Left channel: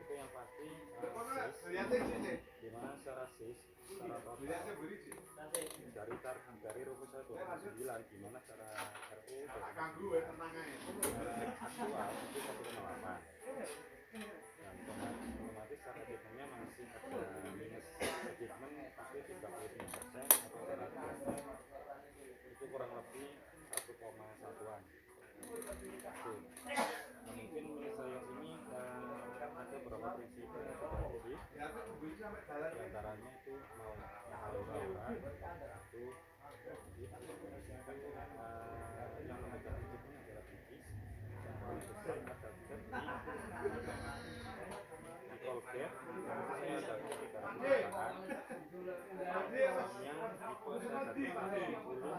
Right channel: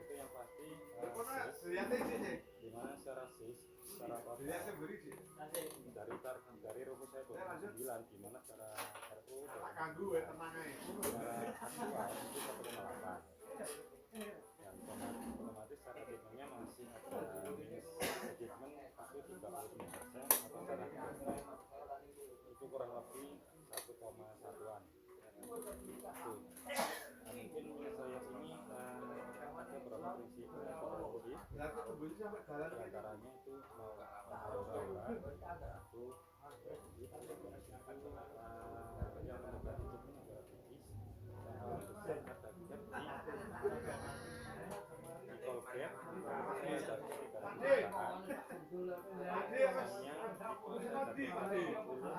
Itu yang pasti dimana secara secara total dari rumus saya 29 dimana secara RU secara aktual itu 1,8 dan otomatis secara achievement-nya masih ada minus achievement itu 35% atau secara itu kurang lebih 1,1-an. Nah, mungkin saya ini ada beberapa prinsip di antaranya itu mau aura itu yang memegang prinsipnya adalah bibis yang paling besar ada di Colgate saya ada sekitar perusahaan sedangkan distribusi saya sendiri untuk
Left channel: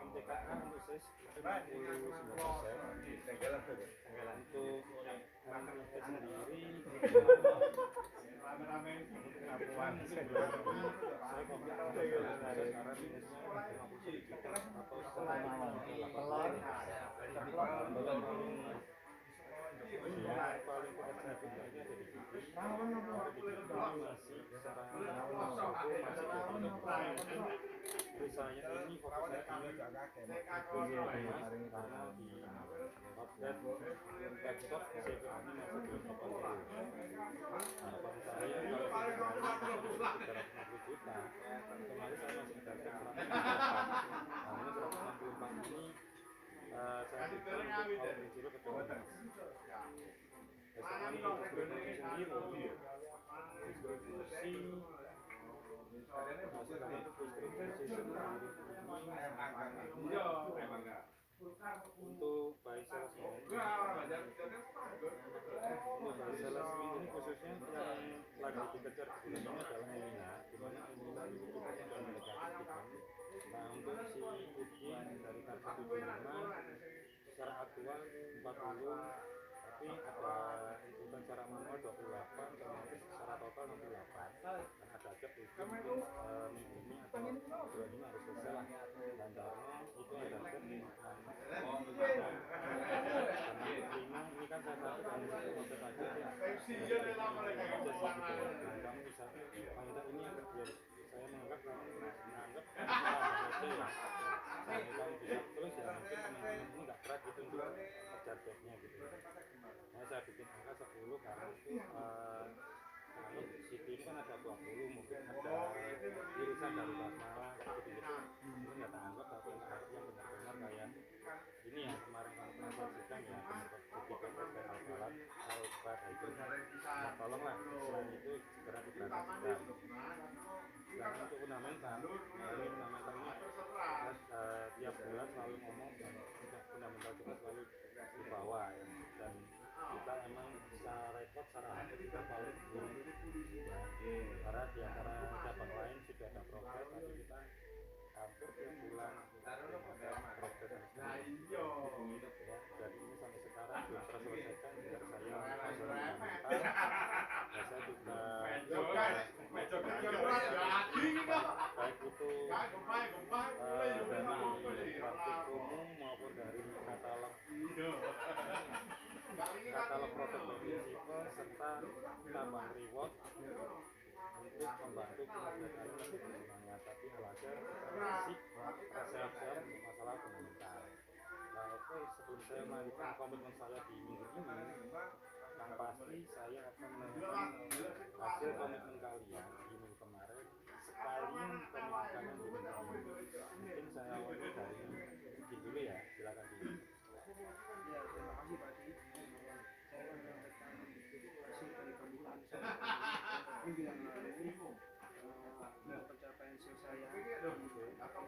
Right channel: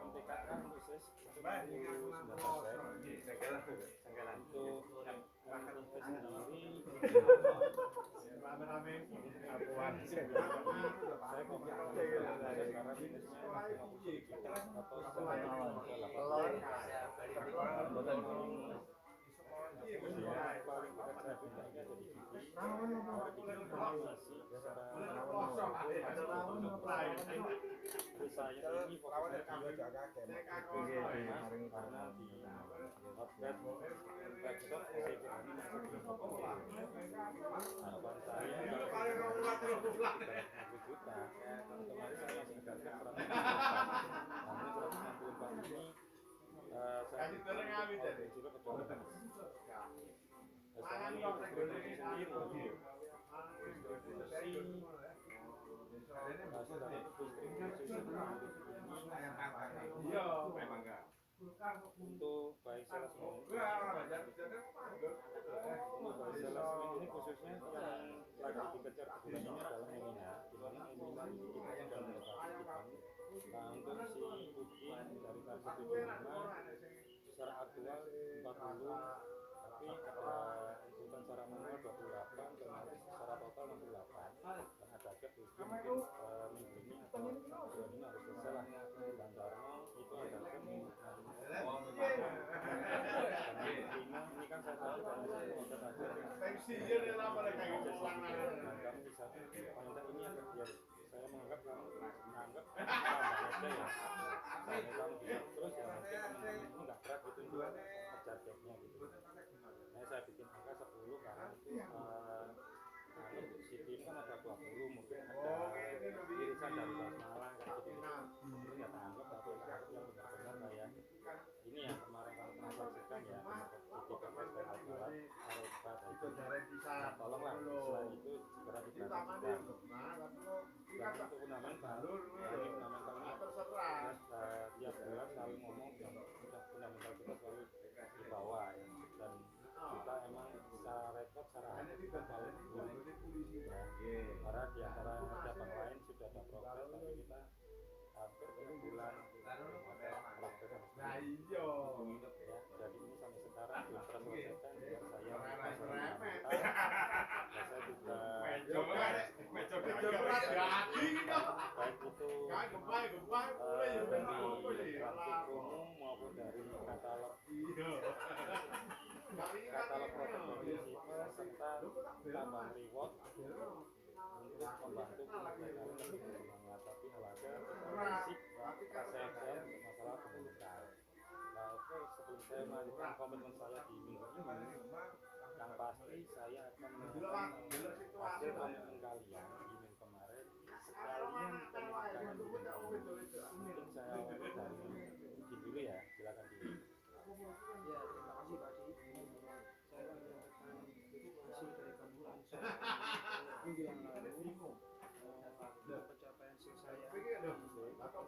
MTKA khusus itu 69%. Untuk MTK sendiri saya karena minusnya 50 atau setengah telur paling tidak saya bidangnya ada di sini masih secara saya ini fokusnya karena di outlet webshop SCA ini masih belum open. Harapan saya kalau sekitar 350 juta kemarin saya masih kedarkan 164 namun 164 ini saya bisa kalau prinsipnya kecolongan SCA untuk distribusi sendiri untuk baik salesman ini khususnya yang lagi dikejar di bulan ini adalah Emina, dimana Emina itu kita sudah mendekati. Nah untuk si Udin dari target 75 secara aktual 40, tapi ada inputan secara manual 28, termasuk secara total 68 dan ada gap itu mungkin minggu ini atau bulan ini harus selesai lah dan karena itu ada gap karena ini kan saya satu dan satu konsep aja dan kamu bisa wanita ini akan biar saya menganggap aja ya kamu bisa terus ya mungkin ini nggak berat gitu untuk ngejar gapnya gitu. Nah saya bikin angka 10 karena itu kalau CT kan ada 20 mungkin ada irisan dari basmalah kayak gitu itu nggak tak anggap tapi yang benar-benar kayak ini yang kemarin kamu pernah saksikan ya benar-benar kayak al-salat al-fat itu nah tolonglah selain itu segera diperhatikan dan untuk fundamental fundamentalnya tiap bulan selalu ngomong fundamental kita selalu di bawah ya dan kita emang secara rekod secara hati kita paling belum ya karena di antara cabang lain sudah ada progres tapi kita hampir tiap bulan ada progres ya jadi ini sampai sekarang belum terselesaikan biar saya masalah fundamental dan saya juga baik itu dari praktik umum maupun dari katalog produk prinsipal serta tambang reward untuk membantu pengajaran lebih bersemangat tapi belajar basic resep untuk masalah fundamental. Nah oke, sebelum saya melanjutkan komitmen saya di minggu ini yang pasti saya akan menunjukkan hasil komitmen kalian di minggu kemarin sekalian komitmen kalian di minggu ini. Mungkin saya awali dari Udin dulu ya, silakan dulu. Ya, terima kasih Pak Adi. Saya mendapatkan hasil dari pembukaan saya minggu yang lalu untuk pencapaian sales saya di beberapa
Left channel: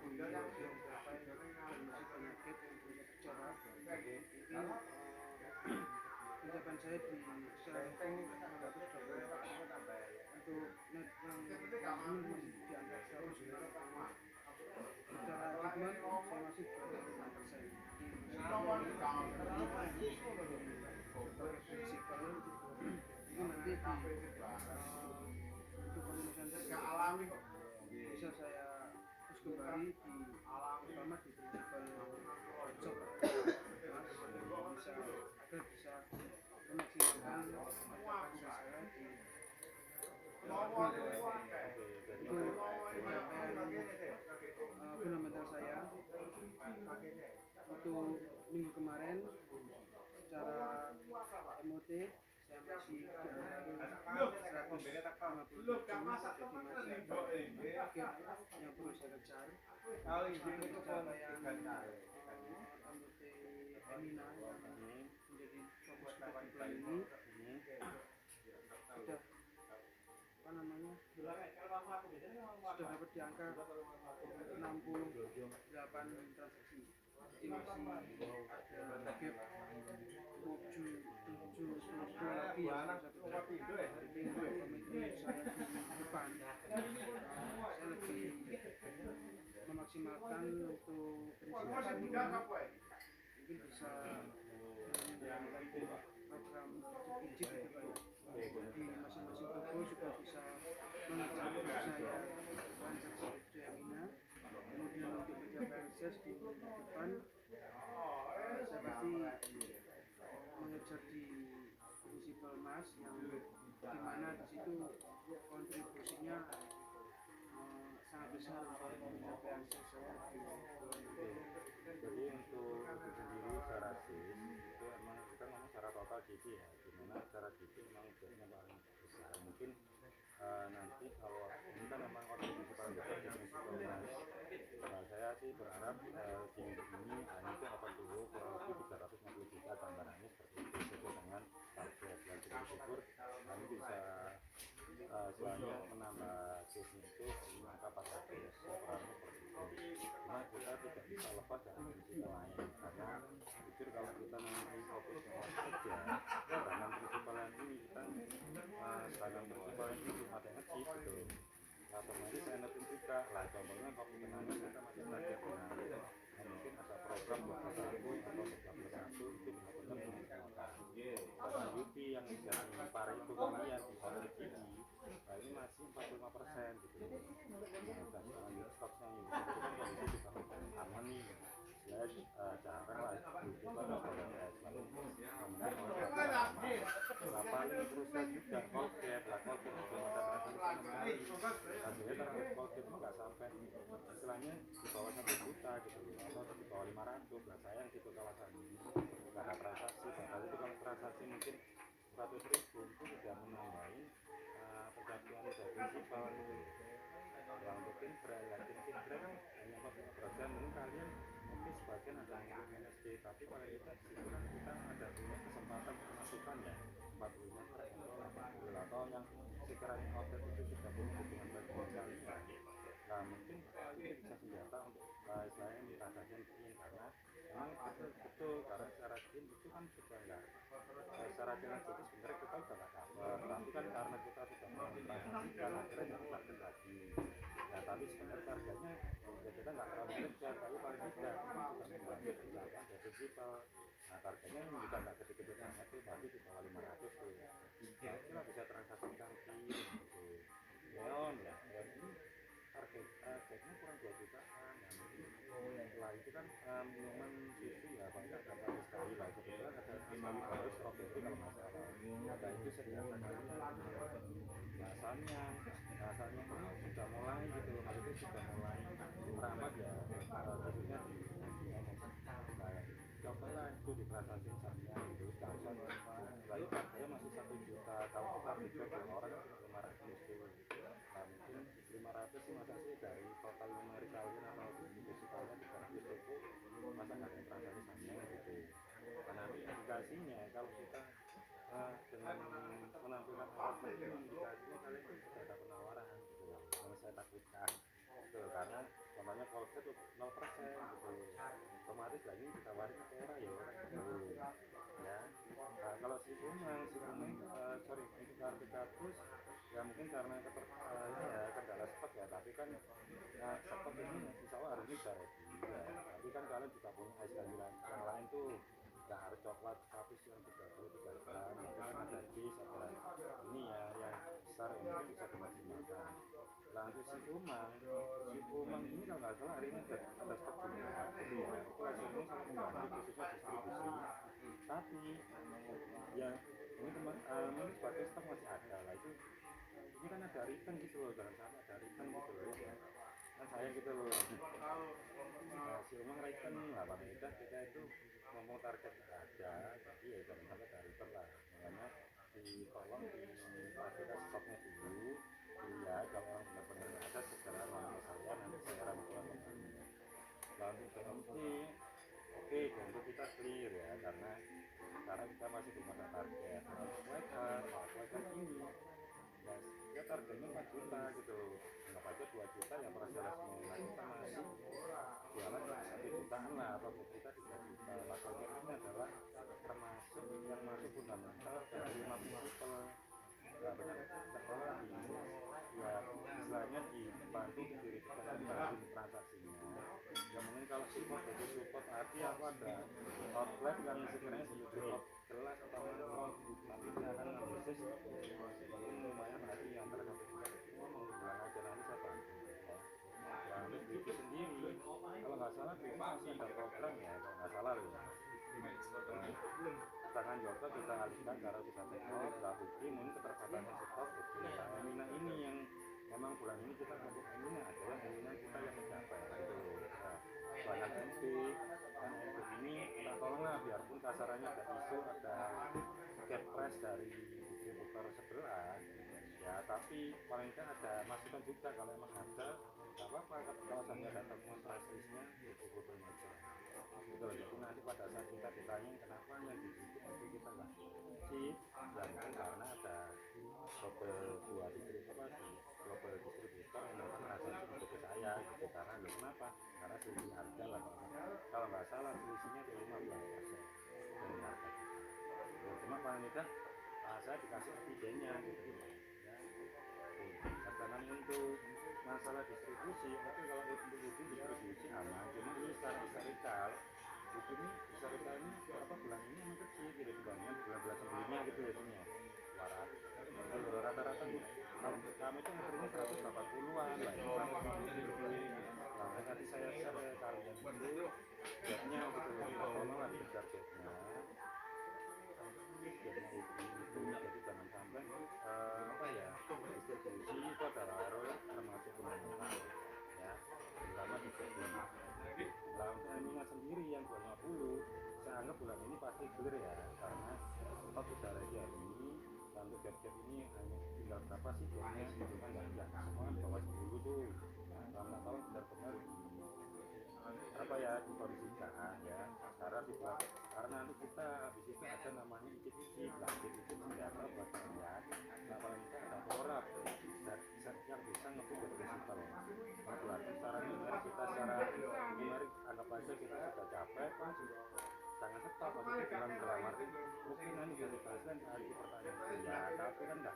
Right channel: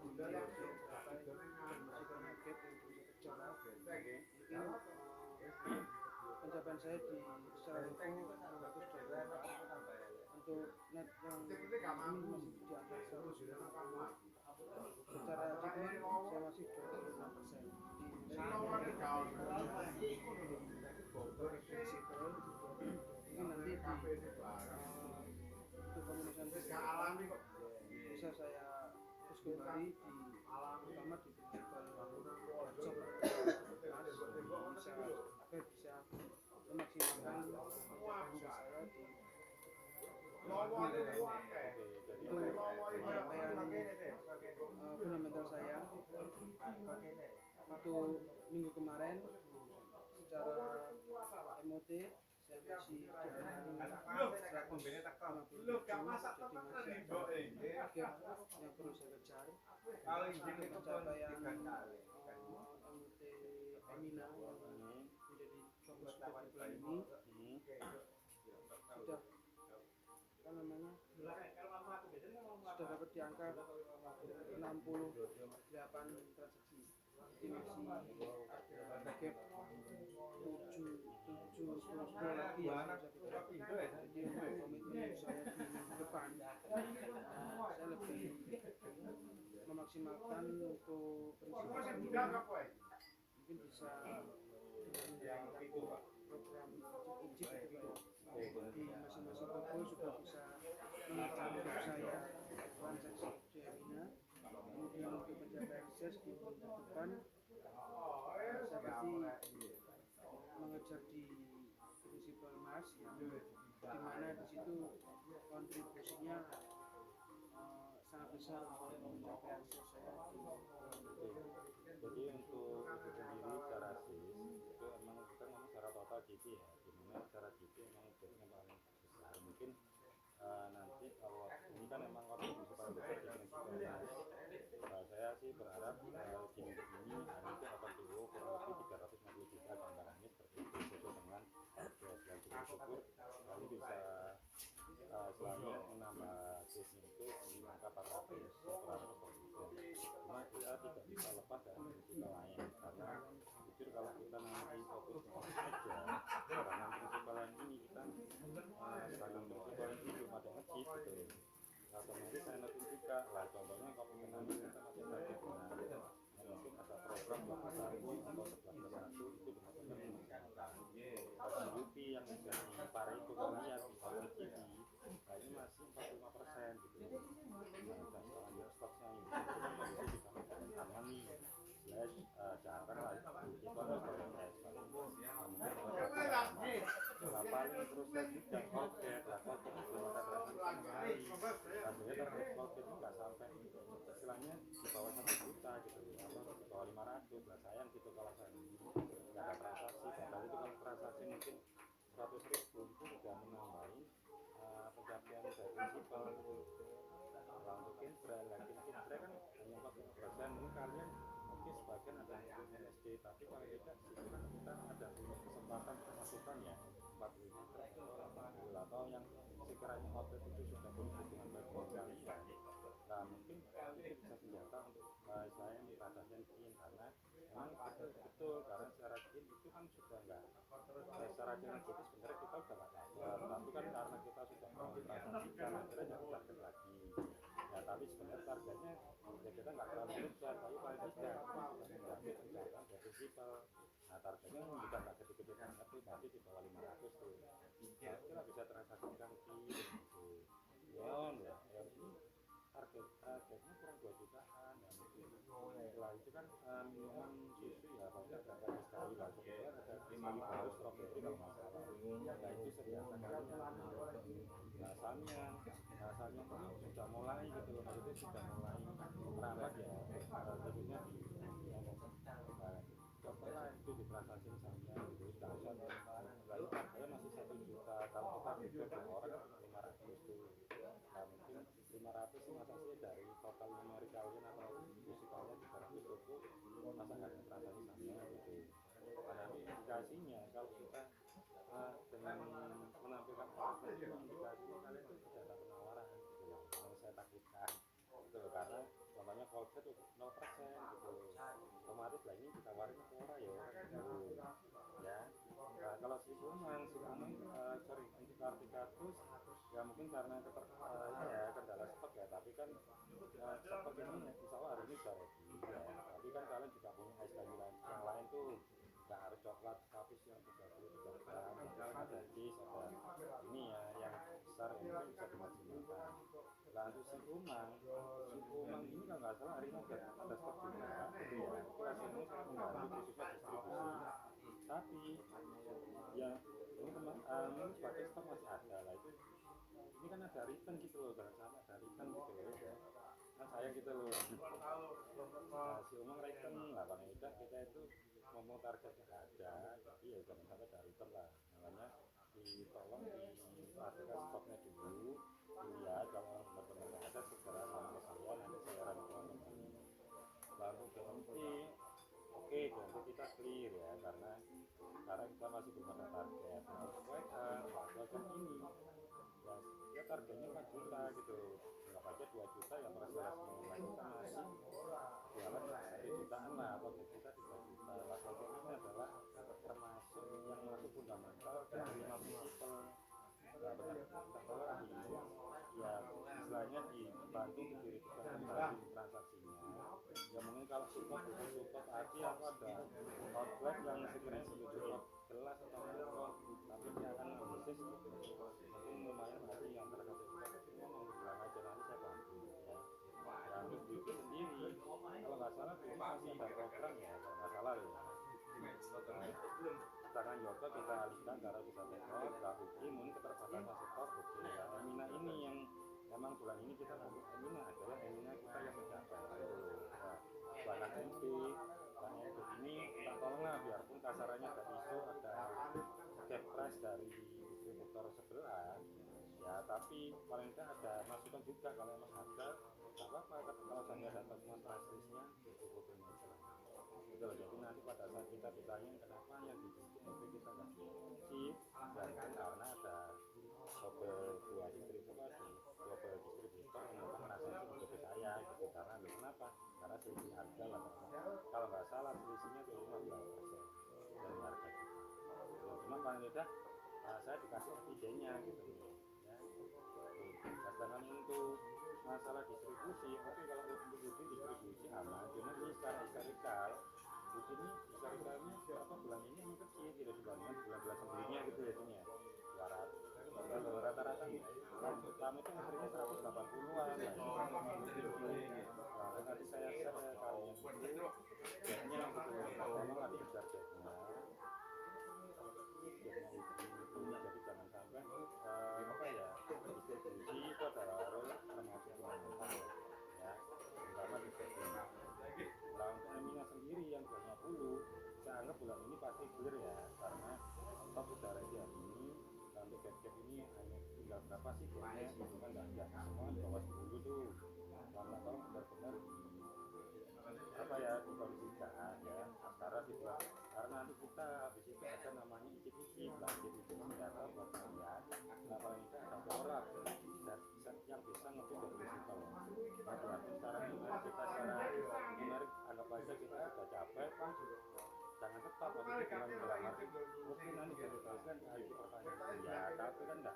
market yang punya tercorak. Mungkin pencapaian saya di secara info 624 untuk net yang ini masih di angka 190. Secara hitungan saya masih 26%. Ini nanti untuk pemanasan depan bisa saya terus kembali di terutama di prinsipal workshop mas bisa agar bisa memaksimalkan pencapaian saya di itu pencapaian fundamental saya untuk minggu kemarin secara MOT saya masih di angka 157, jadi masih target yang perlu saya kejar untuk pencapaian MOT Emina yang menjadi fokus kita di bulan ini sudah sudah dapat di angka 68 transaksi. Jadi masih ada gap 7 lagi yang harus saya kejar. Jadi untuk komitmen saya di depan saya lebih memaksimalkan untuk prinsip saya mungkin bisa menjalankan program izin gitu Pak, di masing-masing toko juga bisa mengejar saya transaksi Emina. Kemudian untuk pencapaian sales di depan saya pasti mengejar di prinsipal mas yang dimana di situ kontribusinya sangat besar untuk pencapaian sales saya di jadi untuk itu sendiri secara sis itu emang kita ngomong secara total gitu ya, dimana secara gitu emang biasanya paling besar mungkin nanti kalau ini kan memang kontribusi paling besar di prinsipal mas. Saya sih berharap di minggu ini itu akan dulu kurang lebih 350 juta gambarannya seperti itu sesuai dengan target dan syukur kami bisa selalu menambah case-nya itu di angka 400 kurang lebih seperti itu. Cuma kita tidak bisa lepas dari prinsipal lain karena jujur kalau kita nanti fokusnya saja dengan prinsipal yang ini kita dengan prinsipal yang ini belum ada ngecip gitu. Otomatis saya netin juga lah, contohnya kopi kenangan kita masih saja kenal mungkin ada program 2+1 atau 11+1 itu benar-benar dimaksimalkan. Bahkan Yupi yang jadi pari itu kalian di hotel TV nah ini masih 45% gitu nah dan lanjut stoknya ini itu kan kondisi juga aman nih jarang lah itu pada proses paling paling terus juga kolgate lah kolgate belum ada transaksi sama sekali hasilnya target kolgate itu nggak sampai istilahnya di bawah 1 juta gitu atau di bawah 500 lah sayang gitu kalau saya nggak ada transaksi padahal itu kalau transaksi mungkin 100.000 itu sudah menambahi pencapaian dari prinsipal gitu kalau untuk Kinbrand lah Kinbrand kan hanya 45% mungkin kalian mungkin sebagian ada yang ikut MSD tapi paling tidak disitu kan kita ada punya kesempatan untuk masukan ya 45 atau 80 atau yang sekiranya outlet itu sudah punya hubungan baik dengan kalian nah mungkin itu bisa senjata untuk istilahnya mentransaksikan izin karena memang betul karena secara izin itu kan sudah enggak secara energetis sebenarnya kita sudah nggak cover tapi kan karena kita sudah mentransaksikan akhirnya nyari target lagi ya tapi sebenarnya targetnya ya kita nggak terlalu besar tapi paling tidak kita sudah membantu pencapaian dari prinsipal nah targetnya bukan nggak gede-gede banget tuh tapi di bawah 500 tuh nah kita bisa transaksikan gitu neon ya ini targetnya kurang 2 jutaan ya mungkin setelah itu kan minuman susu ya paling nggak ada sekali lah kebetulan ada sekali baru strawberry kalau nggak salah nah itu sediakan rasanya sudah mulai gitu loh maksudnya sudah mulai merambat ya khususnya di cobalah itu di transaksi misalnya gitu jangan lalu harganya masih 1 juta kalau kita beli ke orang 500 gitu nah mungkin 500 sih masa sih dari total numeric kalian atau distribusi kalian di barang itu masa nggak ada transaksi sama gitu karena indikasinya kalau kita dengan menampilkan alat indikasinya kalian itu sudah ada penawaran gitu loh yang saya takut deposit 0% gitu. Otomatis lah ini ditawarin ke orang ya orang gitu ya. Nah kalau si Umang sorry untuk kartu ya mungkin karena ini ya kendala stok ya, tapi kan stok ini insya Allah hari ini sudah ready ya. Tapi kan kalian juga punya es yang lain tuh, nggak harus coklat tapi yang 33 gram, kan ada jus, ada ini ya yang besar yang mungkin bisa dimaksimalkan. Lanjut si Umang ini kalau nggak salah hari ini ada stok juga gitu ya. Itu hasilnya sangat membantu khususnya distribusi. Tapi yang ini ini sebagai stok masih ada lah itu. Ini kan ada return gitu loh, jangan sampai ada return gitu loh ya. Kan sayang gitu loh. Si Umang return lah, paling tidak kita itu ngomong target ada, jadi ya jangan sampai ada return lah. Makanya tolong dipastikan stoknya dulu. Iya, kalau orang benar-benar nggak ada segera ngomong ke saya, nanti saya rangkulan kembali. Lalu oke, untuk kita clear ya, karena kita masih belum ada target. Sesuaikan ini ya targetnya 4 juta gitu, nggak aja 2 juta yang perasaan semula kita masih jualan 1 jutaan lah, atau 2 juta 3 juta. Lakukan ini adalah termasuk yang masuk fundamental dari 5 people. Nggak benar, nggak boleh ya istilahnya dibantu didirikan kembali transaksinya. Ya mungkin kalau support itu support arti apa, ada outlet yang sekiranya sudah support jelas atau tapi dia akan bisnis mungkin lumayan nanti yang antara 1 juta itu bilang aja nanti saya bantu ya. Ya untuk bikin sendiri kalau nggak salah itu masih ada program ya kalau nggak salah loh ya. Tangan yoga kita alihkan karena kita tekor, nggak bukti mungkin keterbatasan stok gitu. Nah Emina ini yang memang bulan ini kita untuk Emina adalah Emina kita yang mencapai gitu. Nah banyak MP dan MP ini kita tolonglah biarpun kasarannya ada isu, ada cap price dari distributor sebelah ya, tapi paling tidak ada masukan juga kalau emang ada nggak apa-apa kalau sampai ada temuan price listnya distributornya aja gitu loh. Jadi nanti pada saat kita ditanya kenapa yang di situ untuk kita nggak sih ya mungkin karena ada dua distributor yang memang merasa itu ke saya gitu, karena lo kenapa, karena selisih harga lah kalau nggak salah selisihnya itu 15% dari harga kita. Ya, cuma paling tidak saya dikasih evidennya gitu ya. Sedangkan untuk masalah distribusi itu kalau untuk distribusi aman, cuma ini secara historikal di sini historikalnya berapa bulan ini yang kecil gitu dibandingkan bulan-bulan sebelumnya gitu ya sini ya 200 kalau rata-rata tahun pertama itu ngeterima 180-an lah ini 150 gitu. Nah tadi saya share ya kalian itu bednya gitu kita tolong lah dikejar bednya itu, jadi jangan sampai apa ya distribusi itu adalah role termasuk fundamental ya, terutama di bednya. Nah untuk Emina sendiri yang 250 saya anggap bulan ini pasti clear ya, karena stok udah ready hari ini. Dan untuk bed ini hanya tinggal berapa sih bednya gitu kan, nggak semua di bawah 10 tuh, lama tahun benar-benar apa ya dikondisikan ya, karena nanti kita habis itu ada namanya icip-icip lah, icip-icip senjata buat kalian. Nah paling kita ada porap dan yang bisa ngebut dari prinsipal. Nah berarti secara numerik kita secara numerik anggap aja kita sudah capek pas jangan tetap habis itu bilang dalam arti mungkin nanti jadi bahasan hari pertanyaan ya, tapi kan enggak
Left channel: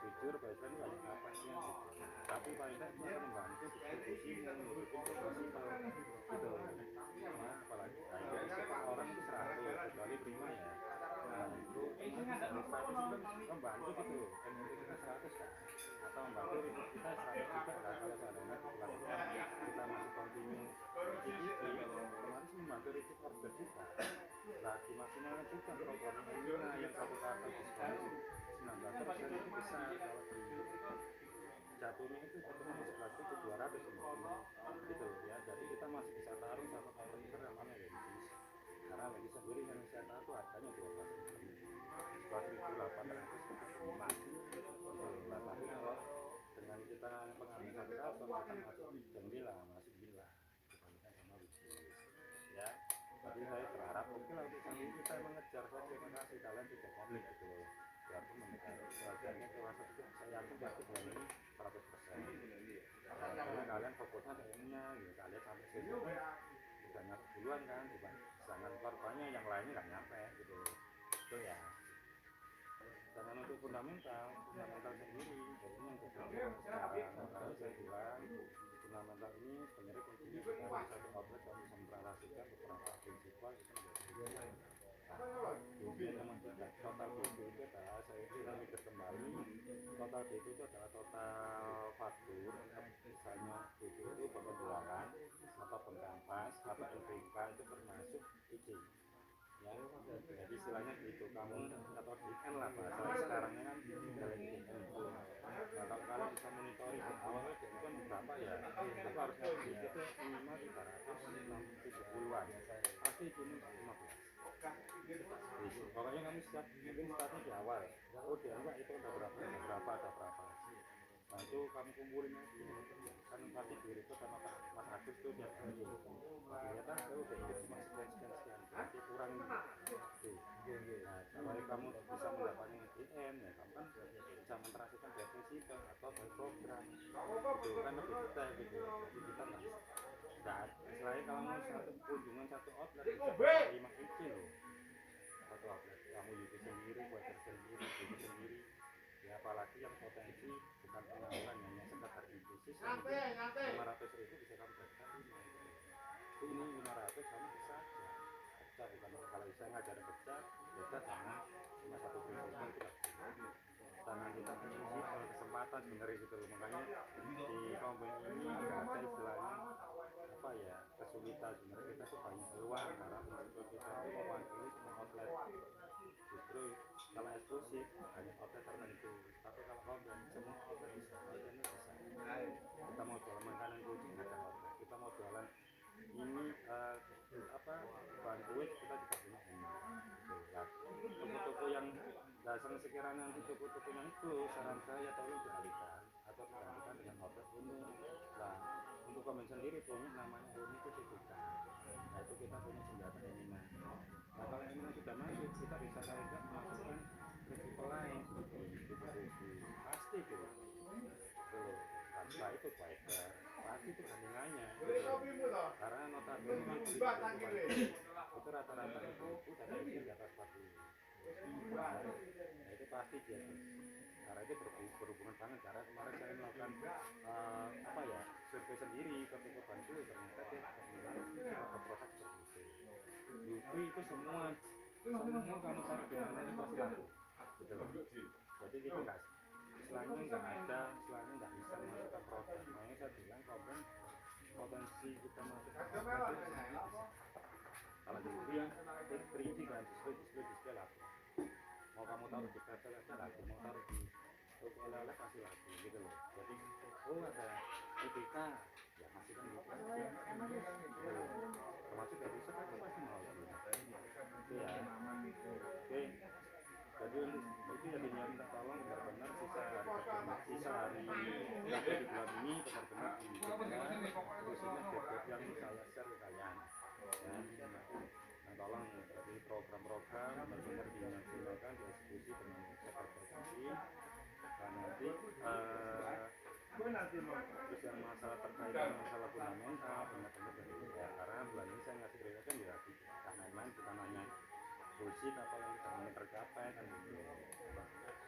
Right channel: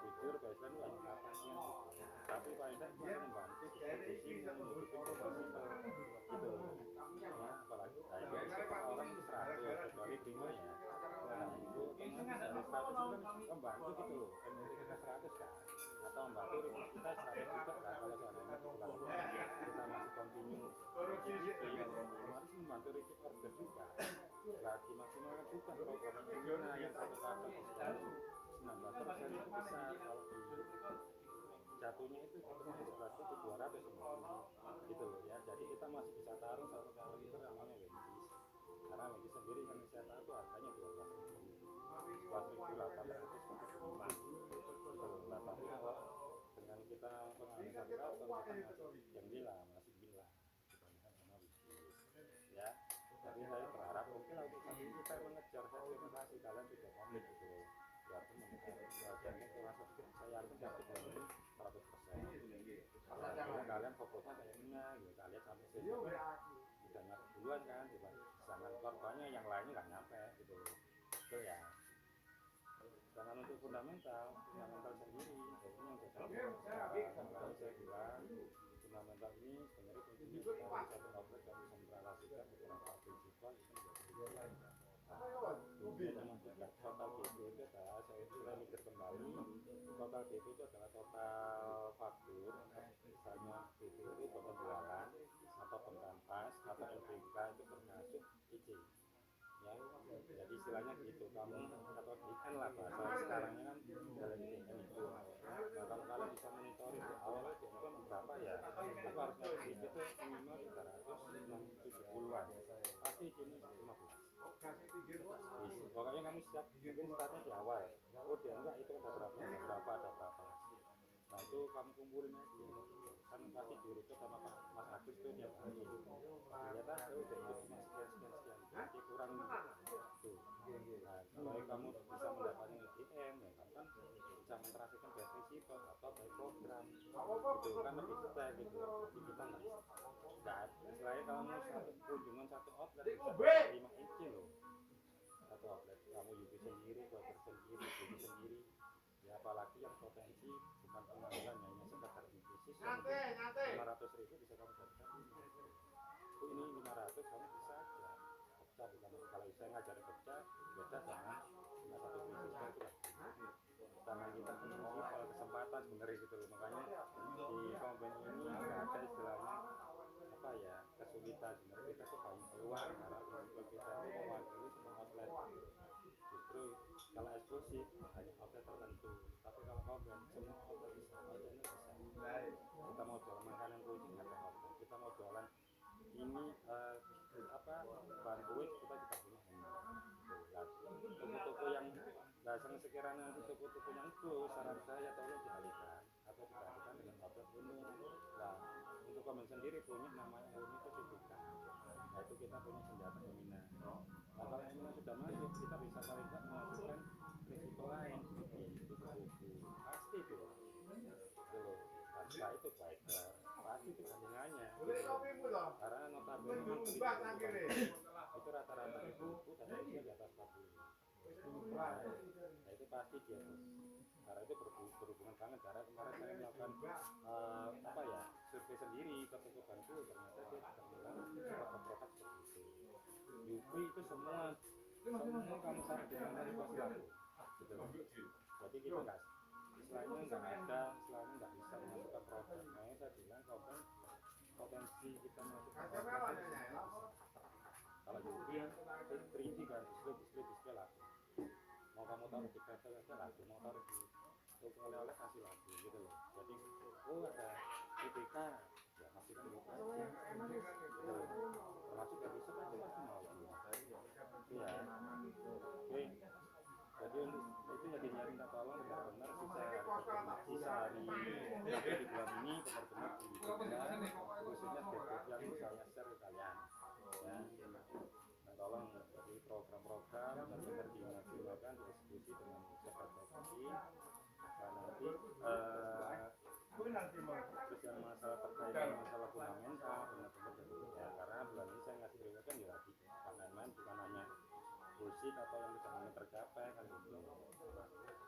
jujur bahasan ini banyak apa sih yang gitu, tapi paling tidak bisa membantu distribusi yang mendukung prinsipal gitu ya. Apalagi ya, orang itu 100 kecuali prima ya, nah itu teman dari 100 itu membantu gitu, energi kita 100 kan, atau membantu rumus kita 100 juga kan, kalau seandainya bulan depan kita masih continue GDP otomatis membantu repeat order juga lah, dimaksimalkan juga program Emina yang satu kata diskon 19% itu besar. Kalau di jatuhnya itu 11 itu 200 gitu ya, jadi kita masih bisa taruh sama kompetitor namanya Lendis, karena Lendis sendiri yang saya tahu itu harganya 11.800 gitu lah. Tapi kalau dengan kita pengambil satu karton akan masuk gila, masih gila dibandingkan sama bisnis ya. Jadi saya berharap oke lah untuk saat ini kita mengejar, saya terima kasih kalian tidak komit gitu loh, biarpun mengejar harganya ke masa itu saya yakin pasti bulan ini 100%. Karena kalian fokusnya kayaknya ya kalian itu kan udah nyampe duluan kan, sedangkan korbannya yang lainnya nggak nyampe gitu itu ya. Sedangkan untuk fundamental sendiri jadi yang terjadi sekarang, makanya saya bilang fundamental ini sebenarnya kuncinya kita di satu outlet kalau bisa merelasikan beberapa prinsipal itu menjadi kuncinya memang tidak total DP itu adalah saya mikir kembali, total DP itu adalah total faktur, misalnya DP itu penjualan atau pengkampas atau LPK itu termasuk izin ya, jadi istilahnya gitu kamu atau DN lah bahasa sekarangnya kan dalam DN itu. Nah kalau kalian bisa monitoring di awalnya DN kan berapa ya, itu harusnya DP itu minimal 370-an pasti ini 15. Pokoknya kamu siap mungkin startnya di awal, oh dia enggak itu ada berapa, nah itu kamu kumpulin aja kan pasti di report sama Mas Agus tuh tiap hari ternyata saya udah itu cuma sekian berarti kurang tuh. Nah kalau kamu bisa mendapatkan IDM ya kamu kan bisa menterasikan by prinsipal atau by program gitu kan lebih detail gitu, jadi kita nggak selain kamu satu kunjungan satu outlet bisa 5 izin loh satu outlet, kamu YouTube sendiri, Water sendiri, YouTube sendiri ya, apalagi yang potensi bukan penampilan hanya sekedar bisnis yang 500.000 bisa kamu jadikan ini 500 kamu bisa aja pecah, bukan kalau bisa ngajar pecah beda sama cuma satu prinsipal itu lah. Tangan kita prinsipal kesempatan sebenarnya gitu loh, makanya di company ini nggak ada istilahnya apa ya kesulitan, sebenarnya kita tuh banyak peluang karena prinsipal kita itu mewakili semua outlet. Justru kalau eksklusif hanya outlet tertentu, tapi kalau company semua outlet bisa, outletnya bisa. Kita mau jualan makanan kucing ada outlet, kita mau jualan ini bahan kue kita juga punya ini. Toko-toko yang dasar sekiranya nanti toko-tokonya itu saran saya tolong dialihkan atau digantikan dengan outlet umum. Nah untuk komen sendiri punya namanya unik kecukupan. Nah itu kita punya senjata Emina. Nah kalau Emina sudah masuk kita bisa paling tidak memasukkan prinsipal lain di pasti tuh loh. Tanpa itu baik pasti itu kandungannya gitu. Karena notabene itu rata-rata itu dan harusnya di atas 40. Nah itu pasti dia tuh. Karena itu berhubungan banget, karena kemarin saya melakukan survei sendiri ke toko bantu, ternyata dia juga bilang produk-produk seperti itu. Yupi itu semua kamu taruh di mana itu pasti laku gitu loh. Jadi kita nggak istilahnya nggak bisa memasukkan produk. Makanya saya bilang potensi kita masukkan produk itu sebenarnya bisa. Kalau di Yupi kan display laku. Mau kamu taruh di pepel aja laku, mau taruh di toko oleh-oleh pasti laku gitu loh. Jadi ada EPK ya masukkan Yupi aja termasuk dari sekarang itu pasti mau itu ya. Oke, jadi itu ya diminta tolong benar-benar sisa hari di bulan ini benar-benar diberikan khususnya bebek yang saya share ke kalian ya. Nah tolong dari program-program benar-benar dimaksimalkan, dieksekusi dengan sebaik-baiknya. Nah nanti terus yang masalah terkait dengan masalah fundamental benar-benar ya, karena bulan ini saya ngasih kriteria kan ya bukan main-main, bukan hanya bullshit atau yang bisa tercapai kan gitu.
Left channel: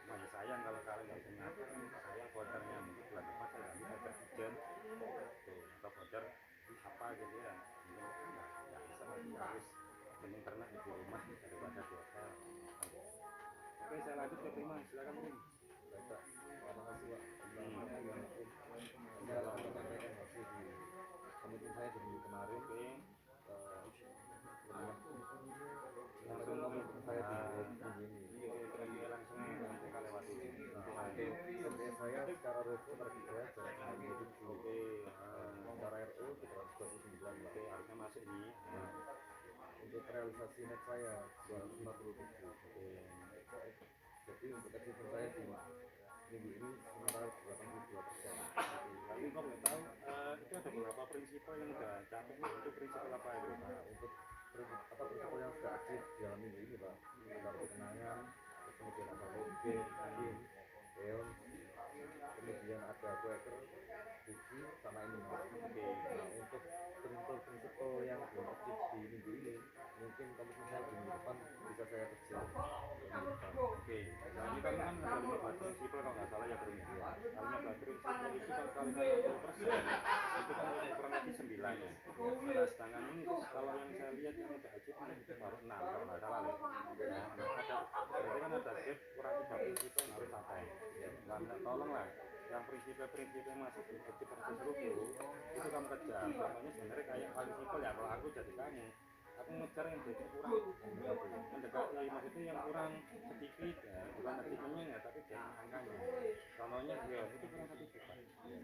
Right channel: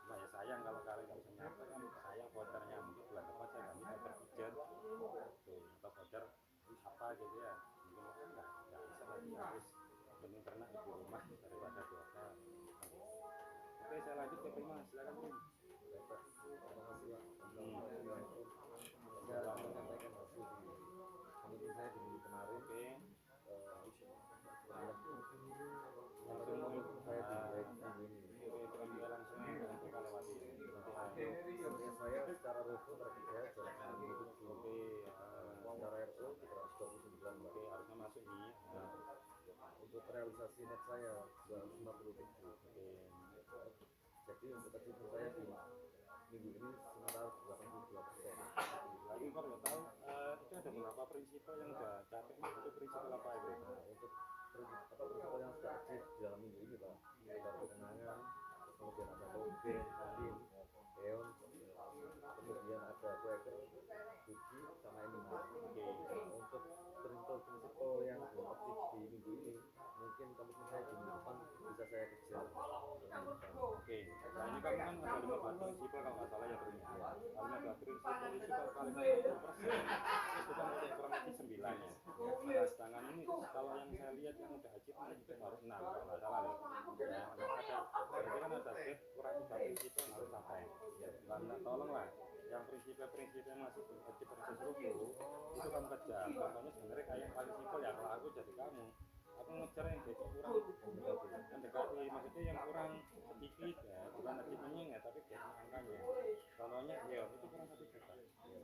Nah ya sayang kalau kalian nggak bisa nyampe kan sayang vouchernya, mungkin bulan depan saya ganti voucher pigeon tuh atau voucher apa gitu ya, mungkin kan nggak bisa lagi, harus mending ternak di rumah daripada di hotel. Oke saya lanjut ke Prima, silakan Prim. Bapak, terima kasih Pak. Saya langsung menyampaikan hasil di komitmen saya di minggu kemarin. Oke. Langsung komitmen saya di minggu ini. Langsung kita lewati. Untuk saya secara rutin target saya jarak menjadi secara RO 229. Oke, harusnya masuk nih. Untuk realisasi net saya 247. Jadi untuk achievement saya di minggu ini sementara 82%. Tapi kok nggak tahu itu ada beberapa prinsipal yang udah capek nih, itu prinsipal apa itu? Nah, untuk prinsipal yang sudah aktif di dalam minggu ini Pak, ada kenangan, kemudian ada Logen, Kim, Eon, kemudian ada Quaker, Biji, sama ini Mas. Nah, untuk prinsipal kalau yang belum aktif di minggu ini mungkin komitmen saya di minggu depan bisa saya kejar minggu depan. Oke, nah ini kan ada 15 prinsip kalau nggak salah ya Bro. Ya. 15 prinsip itu kalau kali 60% itu kan kurang lebih 9 ya. Nah, sedangkan ini kalau yang saya lihat yang udah ajib ini baru 6 kalau nggak salah ya. Ya, ada berarti kan ada gap kurang 3 prinsip yang harus sampai. Nah, tolonglah yang prinsip-prinsip yang masih belum ajib proses ruku itu kamu kejar. Contohnya sebenarnya kayak paling simpel ya kalau aku jadi kamu aku ngejar yang jadi kurang mendekati maksudnya yang kurang sedikit ya bukan achievement-nya ya tapi dari angkanya contohnya ya itu kurang 1 juta ya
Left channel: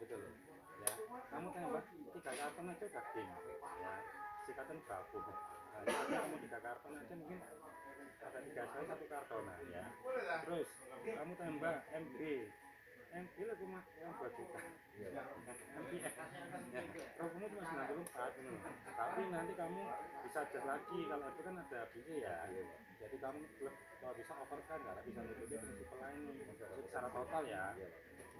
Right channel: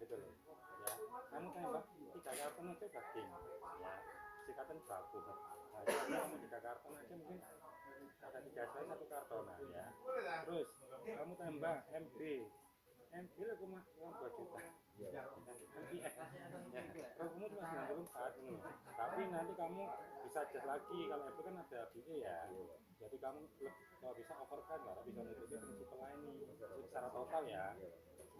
betul loh ya kamu tembak 3 karton aja udah game ya sikatan bagus nah jadi kamu 3 karton aja mungkin ada 3 kali 1 kartonan ya terus kamu tembak MB lah cuma yang 2 juta ya kamu cuma 94 ini tapi nanti kamu bisa adjust lagi kalau itu kan ada BE ya jadi kamu kalau bisa overkan nggak bisa mengikuti prinsip lain secara total ya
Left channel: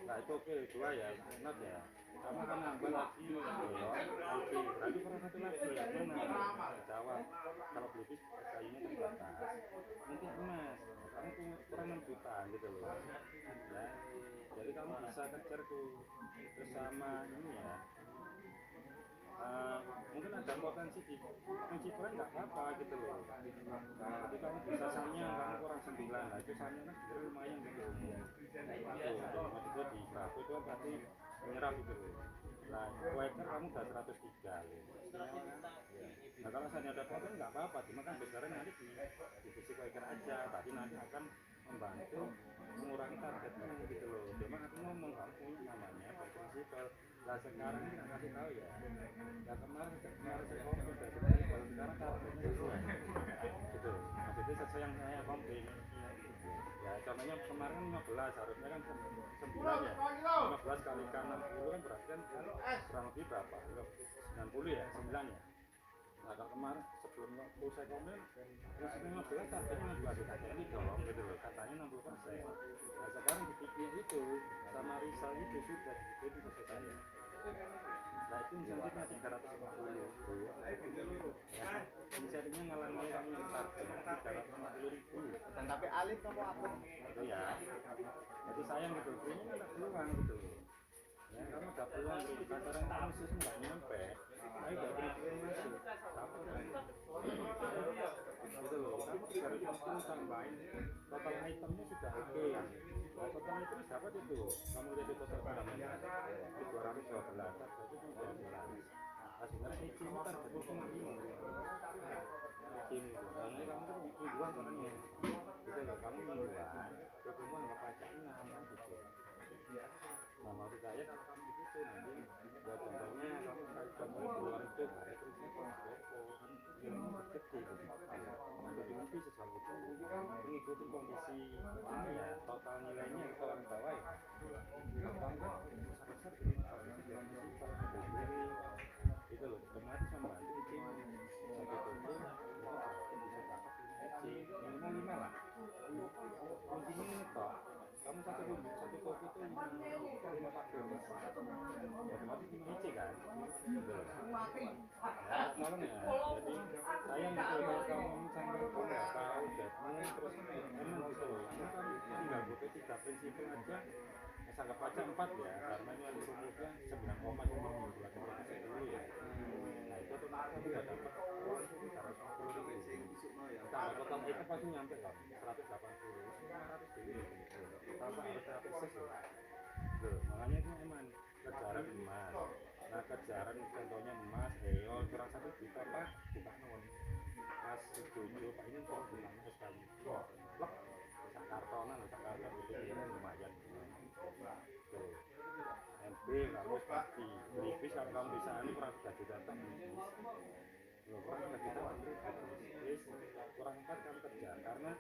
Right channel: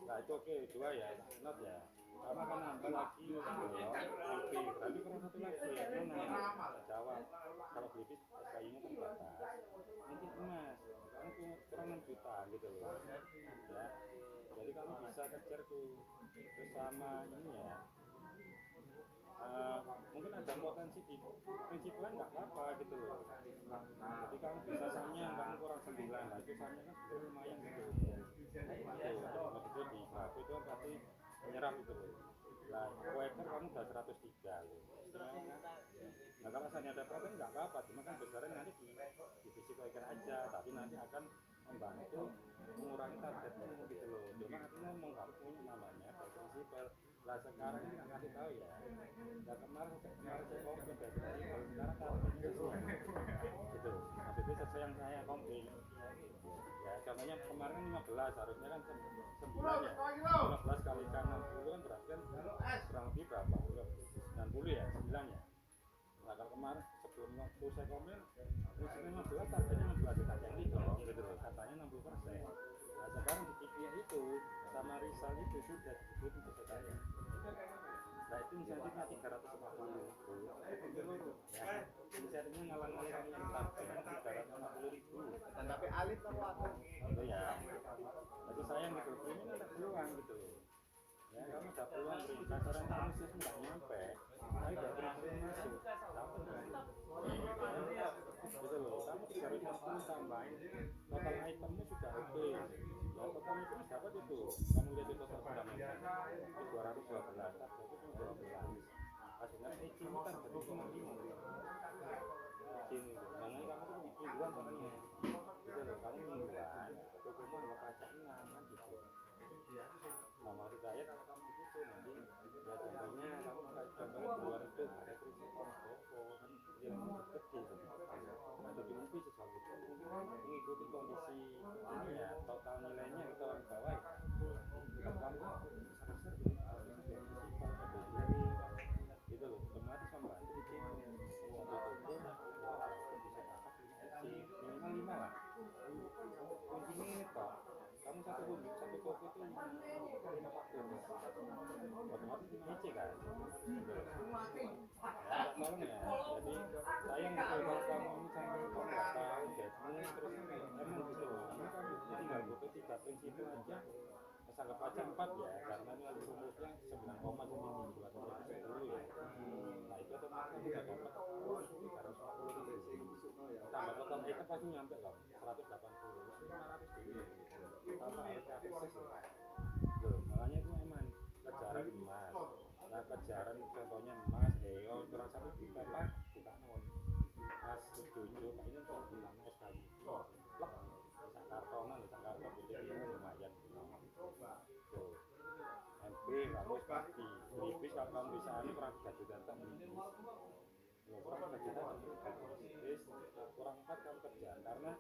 nah itu oke 2 ya not ya kamu akan nambah lagi oke berarti kurang 1 lagi ya mana jawab kalau beli kayunya terbatas mungkin emas kamu kurang 6 juta gitu loh ya jadi kamu bisa kejar tuh bersama ini ya mungkin ada potensi di prinsip lain nggak apa-apa gitu loh nah jadi kamu bisa samnya kamu kurang 9 lah itu samnya kan juga lumayan gitu maksudnya di Prabu itu kan pasti menyerap gitu loh nah Quaker kamu udah 103 loh nah kalau misalnya ada potensi nggak apa-apa cuma kan besarnya nanti di divisi Quaker aja tapi nanti akan membantu mengurangi targetnya gitu loh cuma aku ngomong kamu punya namanya prinsipal lah sekarang ini nggak kasih tahu ya nah kemarin saya komplain dari prinsipal sekarang targetnya sesuai gitu maksudnya sesuai yang saya komplain ya contohnya kemarin kan 15 harusnya kan 9 ya 15 kali kan 60 kan berarti kan kurang lebih berapa 90 ya 9 ya nah kalau kemarin sebelum saya komplain prinsipnya 15 targetnya 16 kita jadi dong gitu loh katanya 60%. Nah sekarang di video itu sama Rizal itu sudah dibikin selesai saya. Nah itu insentifnya 350 ya insentifnya ngalang-ngalang kamu yang target 350.000 tapi alif kamu apa? itu ya jadi sayang gitu ini kan ada peluang gitu ya kamu ada peluang beri kasaran kamu sih nggak nyampe tapi udah beri peluang masuk apa gitu loh kamu 350 tambahin total itemnya sudah oke nah total item dapat itu kamu lihat itu total berapa itu 212 target itu 12 sebenarnya izin targetnya cuma 5 izin itu makanya kamu tuh mingguan makanya gitu loh kamu mingguan kamu nggak pajak 6 gitu nah maksud saya kalau kamu gitu nanti buat contohnya kamu contohnya di luar itu ada prinsip toko yang deket gitu nah dokumentasi sesuatu itu mengikuti kondisi ini ya total nilainya kalau di bawah ya kalau kamu kan besar-besar jadi kalau itu jadi prinsipal berdiri itu loh otomatis membantu izin satu toko itu berarti bisa dapat izin minimal 5 lah kuncinya ini toh kamu satu toko itu 5 paket otomatis 5 IC kan gitu loh ya tolong ya jadi sayang gitu kalau kamu ini sampai kamu nggak tahu deadnya terus emang gitu loh ini kamu tinggal butuh 3 prinsipal aja anggap aja 4 ya karena ini ada rumusnya 9 koma cuma membuat produksi dulu ya nah itu otomatis kamu nggak dapat 350.000 tambah total kita pasti nyampe loh 180 500 dulu tanpa harus terapis loh makanya itu emang kejaran emas nah kejaran contohnya emas kurang 1 juta pak buka non emas 7 pak ini kalau buka emas sekali plek sak kartonan itu lumayan tuh MP kamu pasti beli kalau kamu bisa ini kurang 3 juta tak loh kurang 3 juta kurang 4 kamu kejar karena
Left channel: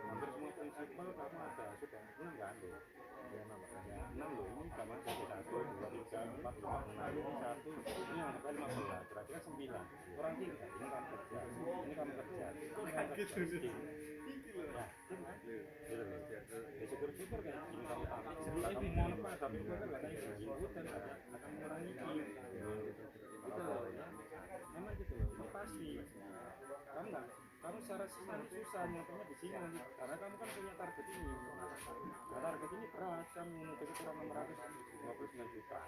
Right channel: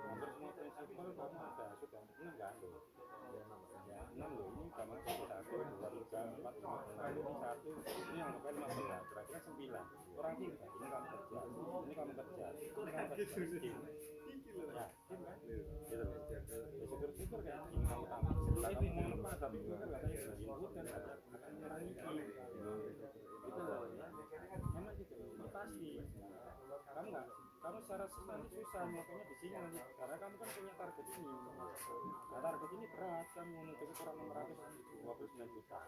hampir semua prinsipal kamu ada sudah 6 kan loh ya 6 loh ini sama 1, 2, 3, 4, 5, 6 ini 1 ini sampai 15 kira-kira 9 kurang 3 ini kamu kejar ini kamu kejar ini kamu kejar nah gitu loh ya syukur-syukur kayak gini kamu tahu setelah kamu mau lepas tapi itu kan gak ada yang dan akan mengurangi gitu loh ya susah nyatanya di sini nanti karena kamu kan punya target ini. Nah, target ini berat kan menuju kurang 629 juta.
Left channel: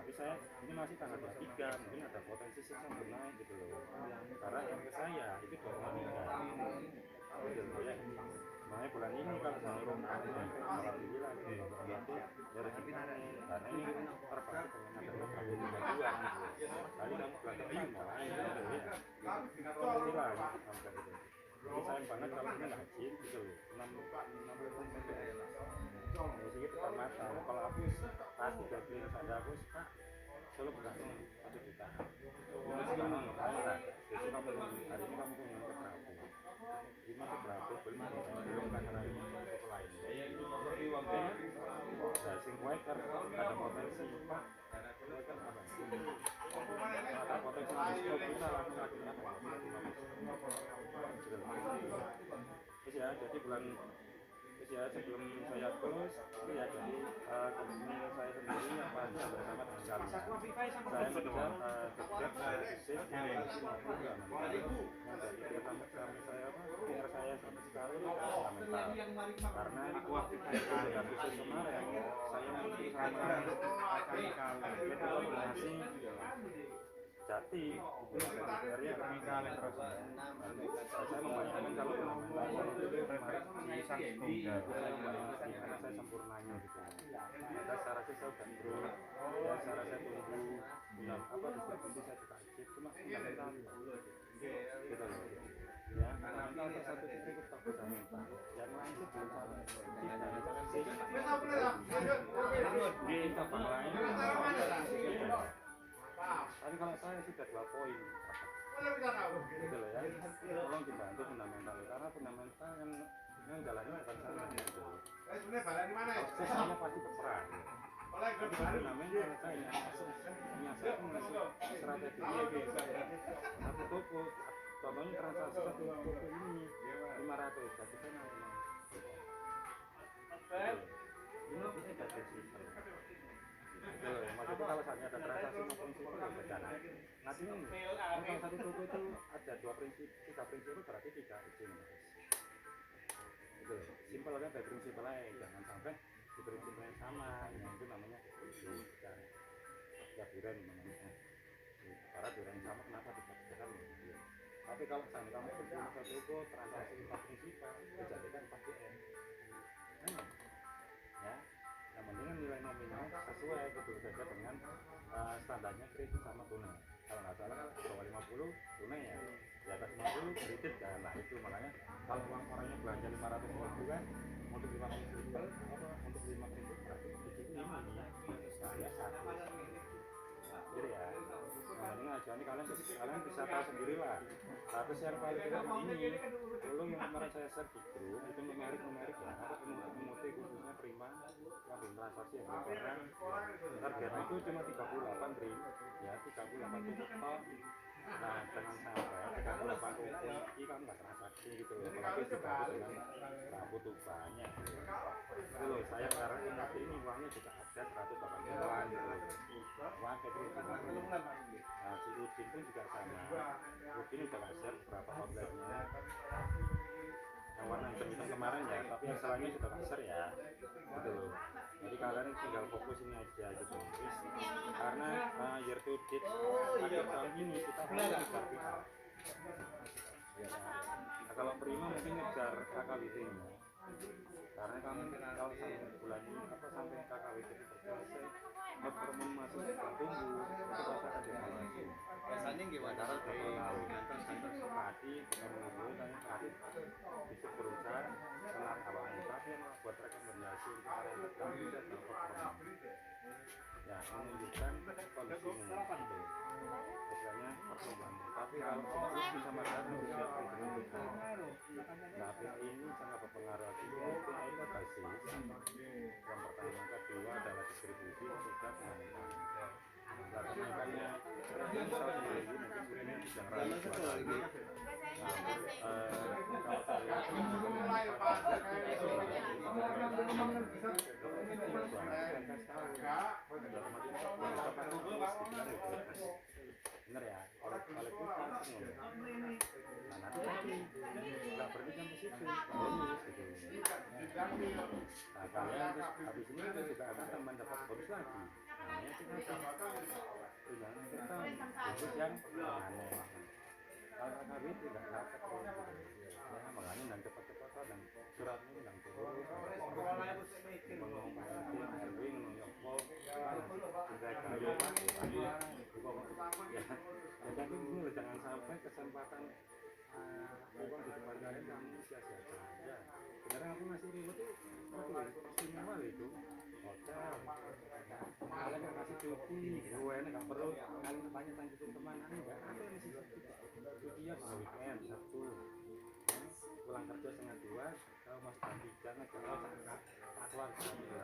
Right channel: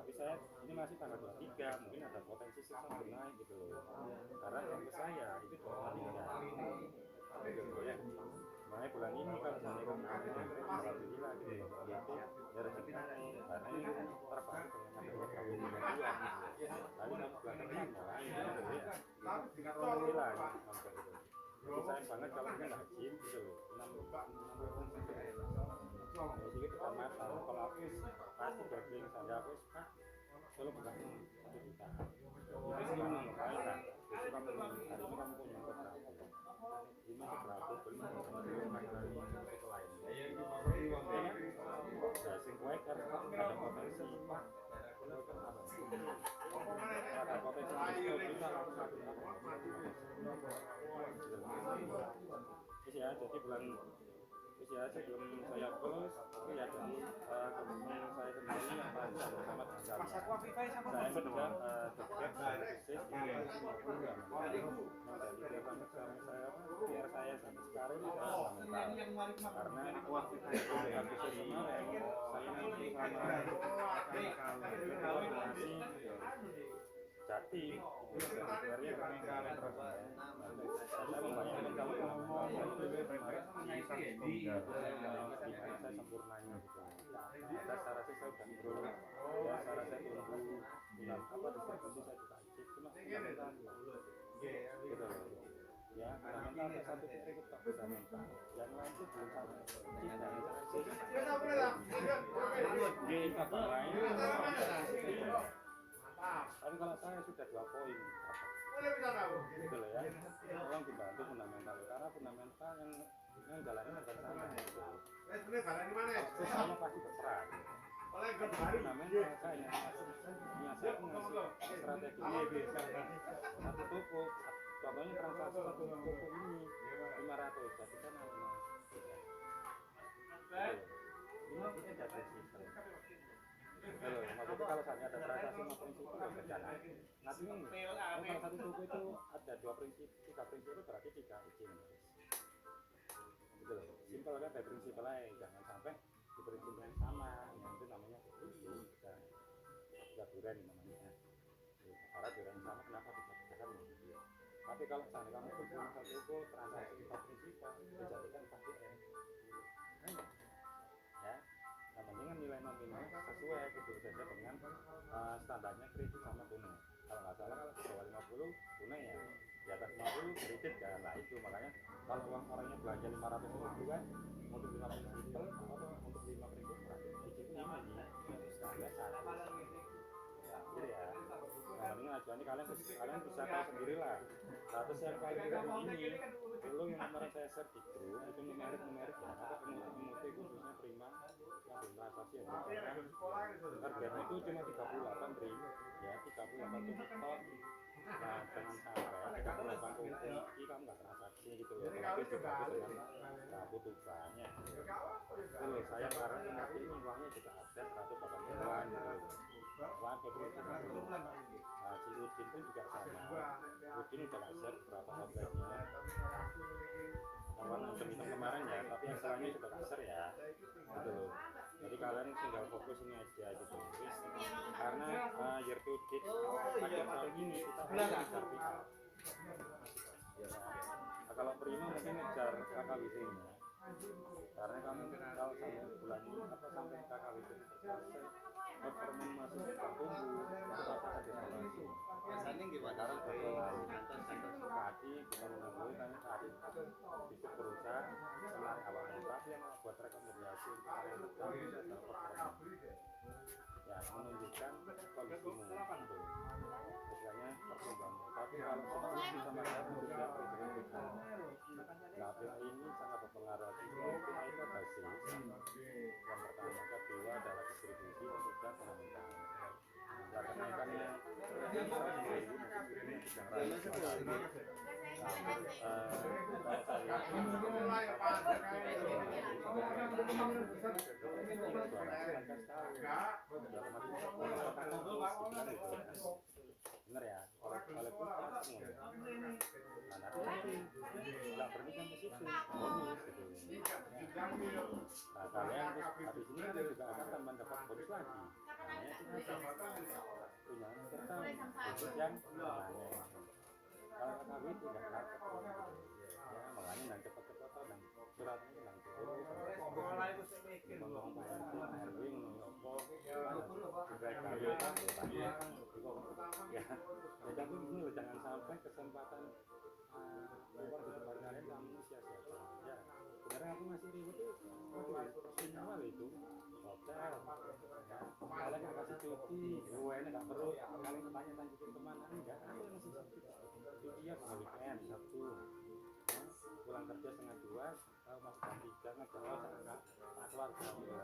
Tapi saya ini masih tanggal 23, mungkin ada potensi sampai naik gitu loh. Karena yang ke saya itu belum meninggal. Gitu loh ya. Makanya bulan ini kalau sampai alhamdulillah gitu. Berarti dari sini karena ini terbantu dengan adanya Prabowo 22 gitu. Kali kamu bulan depan mulai gitu ya. Alhamdulillah sampai gitu. Jadi sayang banget kalau ini nggak izin gitu loh. 6 jadi pertamatan kalau aku pasti gaji ada aku suka selalu bukan 1 juta. Itu sekarang ngapain kan? Besok kamu hari ini kamu punya untuk berapa? 5 berapa? Belum kan hari ini untuk lain. Nah, sing kuat ada potensi pak. Kan apa? Ada potensi diskon kita langsung aja terus ya jadi bulan terus ya sebelum saya close itu ya jadi komitmen saya sendiri yang pasti bersama dengan kalian saya sedang setiap saya save maupun ya menjadi PR saya PR saya sampai sekarang itu fundamental karena waktu saya bisnis kemarin saya mengikuti sama koordinasi Jati PR-nya saya membayangkan kalau fundamental saya itu kemarin saya membayangkan gimana saya sempurnanya gitu ada cara saya udah improve ya cara saya tunggu apa distribusi saya juga ikut cuma fundamental gitu loh ya fundamental ada satu titik itu fundamental yang lain itu belum sama di cabang lain tapi kalau saya sudah 2 poin gitu loh ya tolong dibantu fundamental karena fundamental yang jalannya bukan sana gitu sesama pasti berperan tapi fundamental saya ngasih strategi satu toko contohnya transaksi satu toko ini 500 jadi sana ini tidak bersifat loh, maksudnya kalau saatnya ada transaksi no prinsip itu ya beda nanti ini kalau satu toko itu ada 3 prinsip itu berarti 3 izin gitu loh, simpel kan dari prinsip lain jangan sampai di prinsip yang sama yang itu namanya dan ya duren namanya karena duren yang sama kenapa dibedakan gitu tapi kalau misalnya kamu punya satu toko transaksi 4 prinsip dijadikan 4 DM ya yang penting kan nilai nominal sesuai gitu saja dengan standarnya kredit sama tunai kalau nggak salah kalau bawah 50 tunai ya di atas 50 kredit kan lah itu makanya kalau uang orangnya belanja 500.000 kan untuk 5 prinsipal atau untuk 5 prinsip berarti itu 5 nih nah ya 1 jadi ya yang penting aja nih kalian bisa tahu sendiri lah status yang paling tidak ini dulu yang kemarin saya share di grup itu numerik ya apa pemutik khususnya prima yang belum transaksi ya karena target itu cuma 38 bri ya 38 total nah jangan sampai 38 total ini kamu nggak transaksi gitu loh apalagi dibantu dengan butuhannya itu loh saya karena ingat ini uangnya juga ada 180-an gitu loh uang kebetulan nah si Udin pun juga sama Udin udah nggak share berapa outletnya yang warna hitam kemarin ya tapi yang selainnya juga nggak share ya gitu loh jadi kalian tinggal fokus ini aja gitu karena year to date akhir tahun ini kita mau ngejar PR ya, nah, kalau prima mungkin ngejar KKWT nya karena kamu kalau sampai bulan ini apa sampai KKWT itu selesai performa masih bertumbuh itu pasti akan dievaluasi biasanya gimana karena sudah 2 tahun tadi kita mengambil tanya tadi bisa berusaha menarik awal muka tapi yang buat rekomendasi untuk area tertentu itu adalah performa ya menunjukkan kondisimu gitu misalnya pertumbuhan tapi kalau fokus bisa masyarakat disiapkan dengan BPI nah BPI ini sangat berpengaruh BPI itu basis yang pertama kedua adalah distribusi ketiga fundamental nah kenaikannya misal 1000 mungkin ini bisa ngeraih 2 kali nah kalau saya lihat bener ya oleh kita nah nanti Nah kalian terus habis ini kan juga akan tambahan dapat bonus lagi, namanya tunjangan akhir tahun khusus yang permanen. Kalau KB tidak dapat gitu. Ya makanya dan cepat-cepat dan surat ini dan turun ngomong PRT, ARW ngomong yopo, sudah kali pak, ya. Tapi ini jangan sampai kesempatan uang di depan kalian kamu sia-sia saja. Sekarang aku masih ribut tuh, istimewa itu hotel. Kalian nggak kasih cuti, gue nggak perlu kalian tanya tanjutin kemana enggak ada yang sih cuti ya weekend Sabtu pulang kerja setengah 2 kalau masuk jam 3 nggak kalau tak keluar jam gitu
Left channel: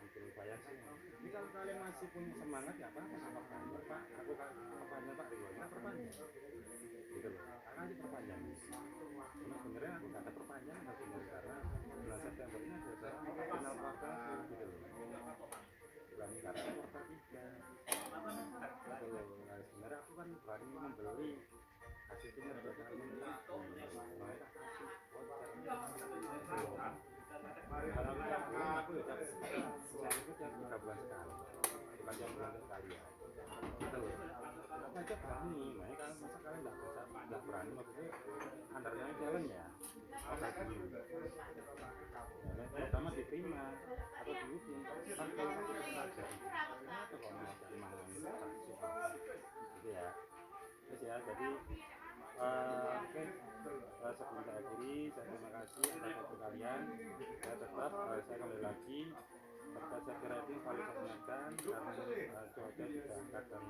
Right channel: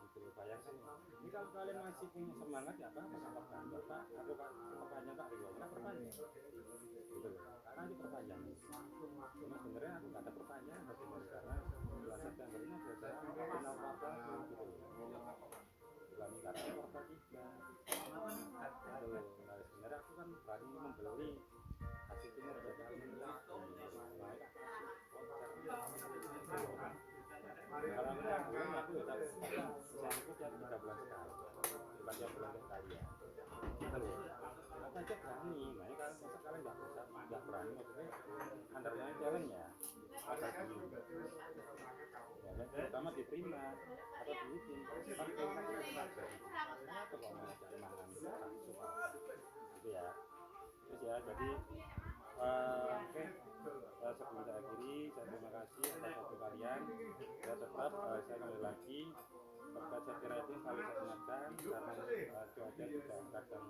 gitu bayang sih ini kalau kalian masih punya semangat ya apa sama perpanjang pak aku perpanjang pak riwayatnya perpanjang gitu loh karena aja perpanjang cuma sebenarnya aku nggak ada perpanjangan sebenarnya karena bulan September ini ada saya final kuartal gitu loh bulan karena kuartal 3 gitu loh nah sebenarnya aku kan berani membeli hasil kinerja kami makanya kasih kalau aku udah saya itu tiap 3 bulan sekali bukan tiap bulan sekali ya gitu loh apa aja berani makanya kalau masa kalian nggak berani maksudnya undernya challenge ya apa dulu ya, terutama diterima atau dihukum kan kalau satu kesaja atau kalau mau cari mangan gitu ya terus ya jadi oke sebelum saya akhiri saya terima kasih atas waktu kalian saya tetap saya kembali lagi terkait safety rating selalu saya ingatkan karena cuaca juga kadang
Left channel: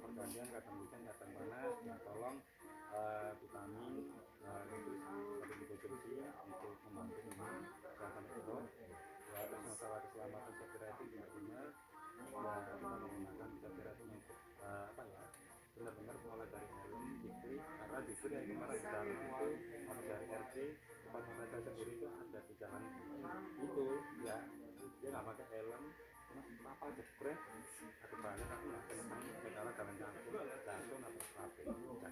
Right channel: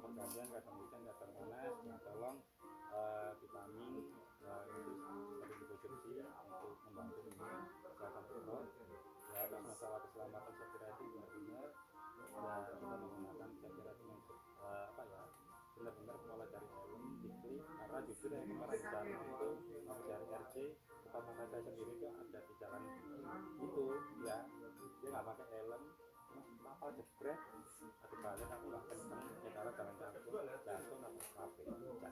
pergantian kadang hujan kadang panas ya tolong vitamin itu sering dikonsumsi untuk membantu kesehatan perut ya atas masalah keselamatan safety rating benar-benar ya kita menggunakan safety rating yang apa ya benar-benar mulai dari helm gitu karena justru yang kemarin bicara itu harus dari RC tempat mata saya sendiri itu ada di jalan itu ya dia nggak pakai helm cuma kapal jebret aku balik aku nggak kenceng sekarang jalan jatuh atau kafe bukan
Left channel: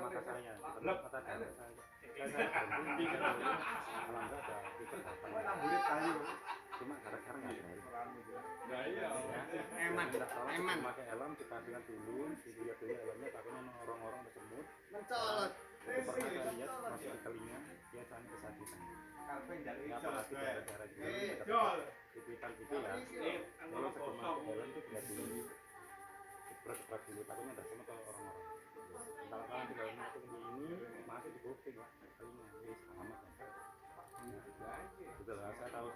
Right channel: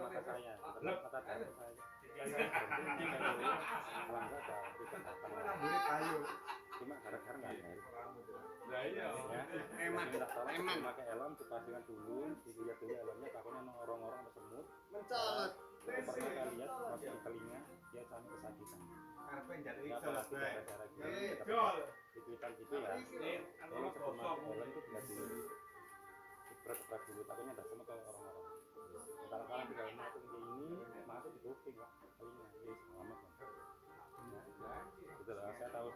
mata saya bukan mata darah saya berhenti alhamdulillah ada tiket datang cuma gara-gara nggak ada ya minta tolong memakai helm dipastikan dulu dilihat dulu helmnya takutnya orang-orang bersemut itu pernah saya lihat masuk di telinga dia sana kesakitan ya apalagi daerah-daerah dekat itu ya kalau sebelum masuk helm itu dilihat dulu dipret-pret dulu takutnya ada semut orang-orang kalau kalian tidak masuk di ini masuk di kuping ya telinga ini selamat betul lah saya tahu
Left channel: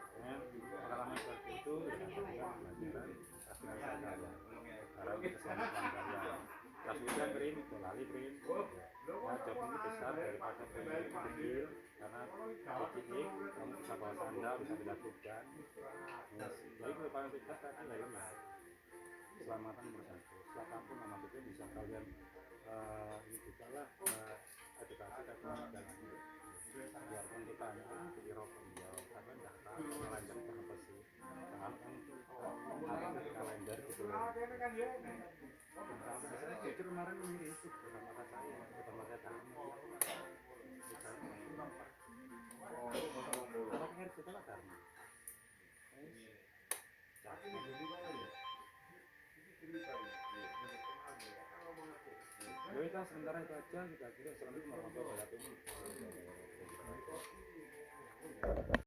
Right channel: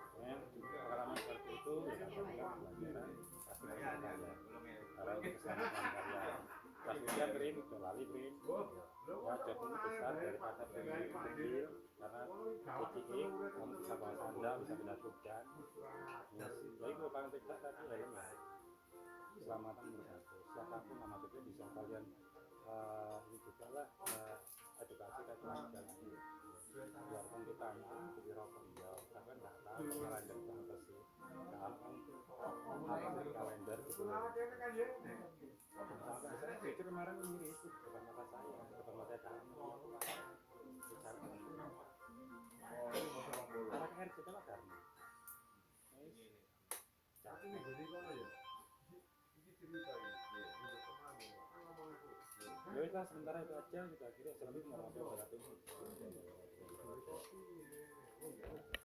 pengalaman seperti itu ya dapatkan pelajaran pasti saya kalian sekarang keselamatan kalian pas hujan green lali green ya job ini besar daripada premi kecil karena kecil kamu bisa bawa sandal bisa dilakukan jadi kalau kalian tidak tadi helm ya keselamatan nomor 1 siapapun nama itu bisa kalian ini juga lah edukasi kalkulasi jalan biarpun kita hanya jadi rokok ya karena nggak tahu kalender itu apa sih karena kan apa sih kalender gitu sampai saya pikir kemarin ini itu bukan mata saya bukan mata kamu anak RC itu lah karena Kita sementara itu aja kita kira. Assalamualaikum warahmatullahi wabarakatuh.